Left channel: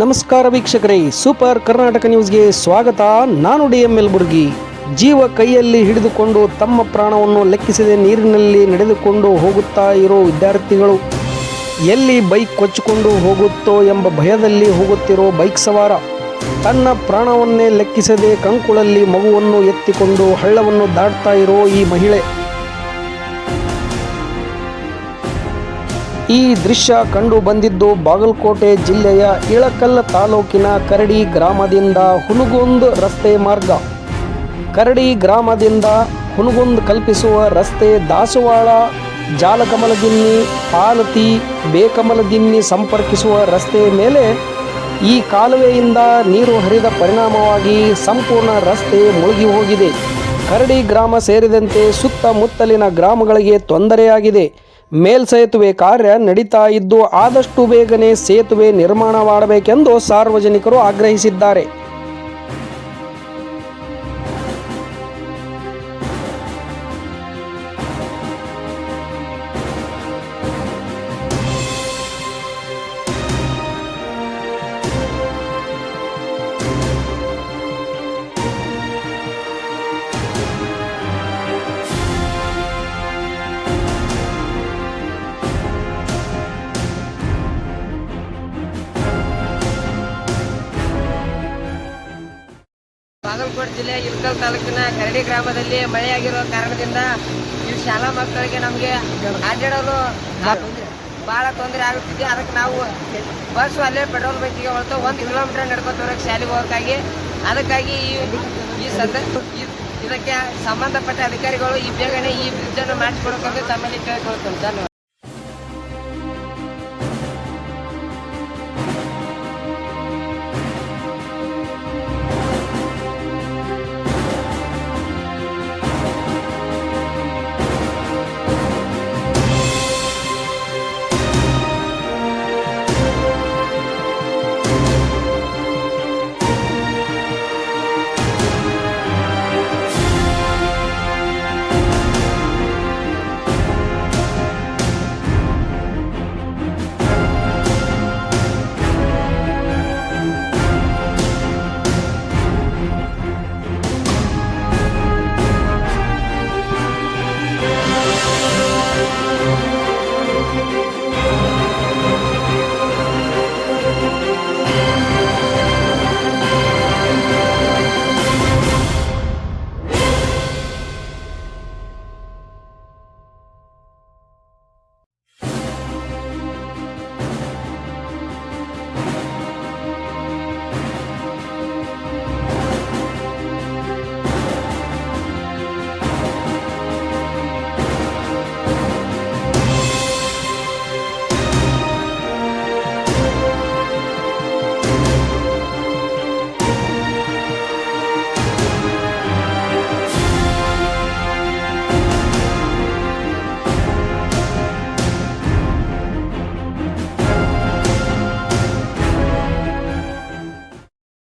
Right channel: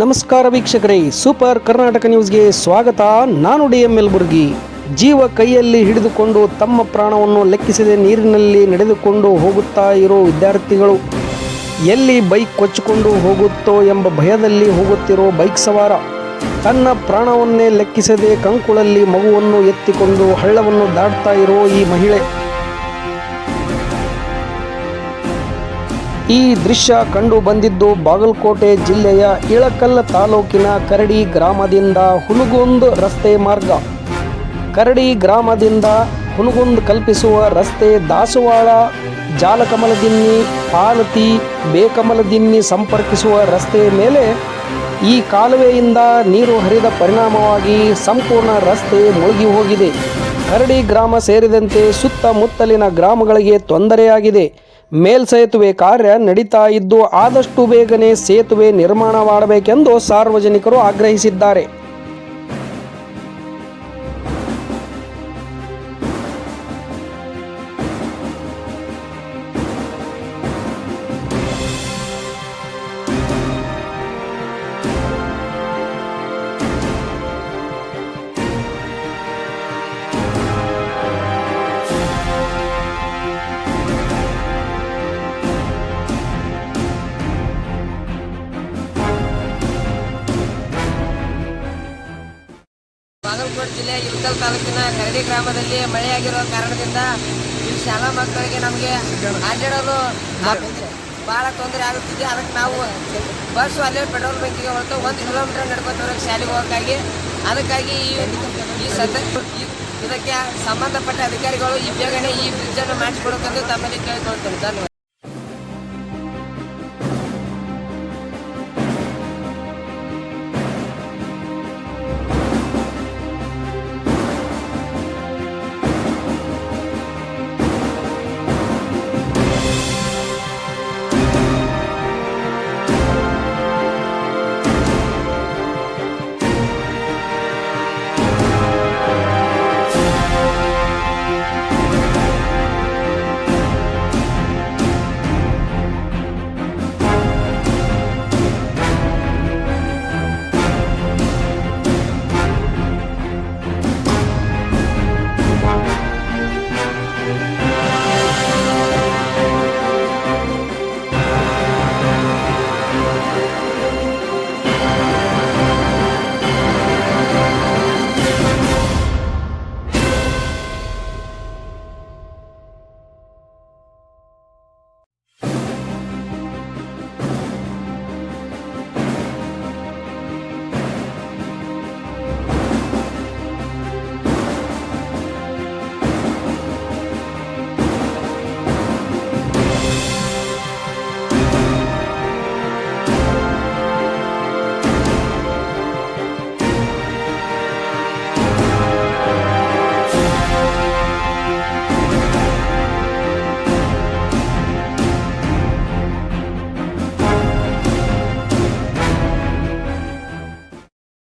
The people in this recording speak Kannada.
ನಮಸ್ಕಾರ ವೀಕ್ಷಕರೇ, ಸೂಪರ್ ಕರ್ನಾಟಕ ನ್ಯೂಸ್ಗೆ ಸ್ವಾಗತ. ನಾನು DM ಯಲಬುರ್ಗಿ. ಜೀವ ಕೈಯಲ್ಲಿ ಹಿಡಿದುಕೊಂಡು ತಮ್ಮ ಪ್ರಾಣವನ್ನು ಲೆಕ್ಕಿಸದೆ ನೀರಿನಲ್ಲಿ ನಡೆದುಕೊಂಡು ಹೋಗುತ್ತಾ ಇರೋ ವಿದ್ಯಾರ್ಥಿಗಳು, ಎಲ್ಲಿ ಬೈಕ್ ಕೊಚ್ಚಿಕೊಂಡು ಹೋಗುತ್ತೋ ಎಂಬ ಭಯದಲ್ಲಿ ಹೋಗುತ್ತಿರೋ ಬೈಕ್ ಸವಾರ, ತನ್ನ ಪ್ರಾಣವನ್ನೇ ಲೆಕ್ಕಿಸದೆ ಕಂಕುಳಲ್ಲಿ ಮಗುವನ್ನು ಎತ್ತಿಕೊಂಡು ಹಳ್ಳವನ್ನು ದಾಟ್ತಾ ಇರೋ ಈ ಮಹಿಳೆ. ಈ ದೃಶ್ಯ ಕಂಡು ಬಂದಿದ್ದು ಬಾಗಲಕೋಟೆ ಜಿಲ್ಲೆಯ ಇಳಕಲ್ಲ ತಾಲೂಕಿನ ಕರಡಿ ಗ್ರಾಮದಿಂದ ಹುನಗುಂದ ರಸ್ತೆ ಮಾರ್ಗ. ಕರಡಿ ಗ್ರಾಮದಿಂದ ಹುನಗುಂದ ಕಲ್ಪಿಸುವ ರಸ್ತೆ ದಾಸವಾಳ, ಜಾಲಕಮಲದಿನ್ನಿ, ಪಾಲತಿ, ಬೇಕಮಲದಿನ್ನಿ ಸಂಪರ್ಕಿಸುವ ರಸ್ತೆ ಮೇಲೆ ಈ ಕಾಲುವೆಯಿಂದ ನೀರು ಹರಿದ ಪರಿಣಾಮವಾಗಿ ಸಂಪೂರ್ಣ ರಸ್ತೆ ಮುಳುಗಿ ಹೋಗಿದೆ. ಕರಡಿ ಗ್ರಾಮ ಸೇರಿದಂತೆ ಸುತ್ತಮುತ್ತಲಿನ ಗ್ರಾಮಗಳಿಗೆ ತೊಂದರೆಯಾಗಿದೆ. ಮೇಲ್ಸೇತುವೆ ಕಾರ್ಯ ನಡೀತಾ ಇದ್ದು ಆದಷ್ಟು ಬೇಗನೆ ಸೇತುವೆ ನಿರ್ಮಾಣ ಮಾಡಬೇಕೆಂದು ಸಾರ್ವಜನಿಕರು ಆಗ್ರಹಿಸಿದ್ದಾರೆ. ಬಾಗಲಕೋಟೆ ಜಿಲ್ಲೆಯ ಇಳಕಲ್ ತಾಲೂಕಿನ ಕರಡಿ ಗ್ರಾಮದಲ್ಲಿ ಮಳೆಯಾಗಿರುವ ಕಾರಣದಿಂದ ಈ ಶಾಲಾ ಮಕ್ಕಳಿಗೆ ನಮಗೆ ಅಡ್ಡಾಡಲು ಬಹಳ ತೊಂದರೆ ಆಗುತ್ತಿದೆ. ಅದಕ್ಕೆ ನಾವು ಬಸ್ ಅಲ್ಲೇ ಪೆಟ್ರೋಲ್ ಬಂಕಿಗೆ ಹೊರತು 1 ಕಿಲೋಮೀಟರ್ ನಡ್ಕೊತ ಬರೋಕ್ಕೆ ಶಾಲೆಗೆ ಹೋಗೋಕ್ಕಾಗಿ ಅದಕ್ಕಾಗಿ ಇದಕ್ಕೆ ಸಂಬಂಧಪಟ್ಟ ಅಧಿಕಾರಿಗಳು ಈ ಬೇಗನೆ ಈ ಬ್ರಿಡ್ಜನ್ನು ಮಾಡಿಸಿಕೊಡೋಕೆಂದು ತಮ್ಮಲ್ಲಿ ಕೇಳಿಕೊಳ್ತೇನೆ. ಧನ್ಯವಾದ.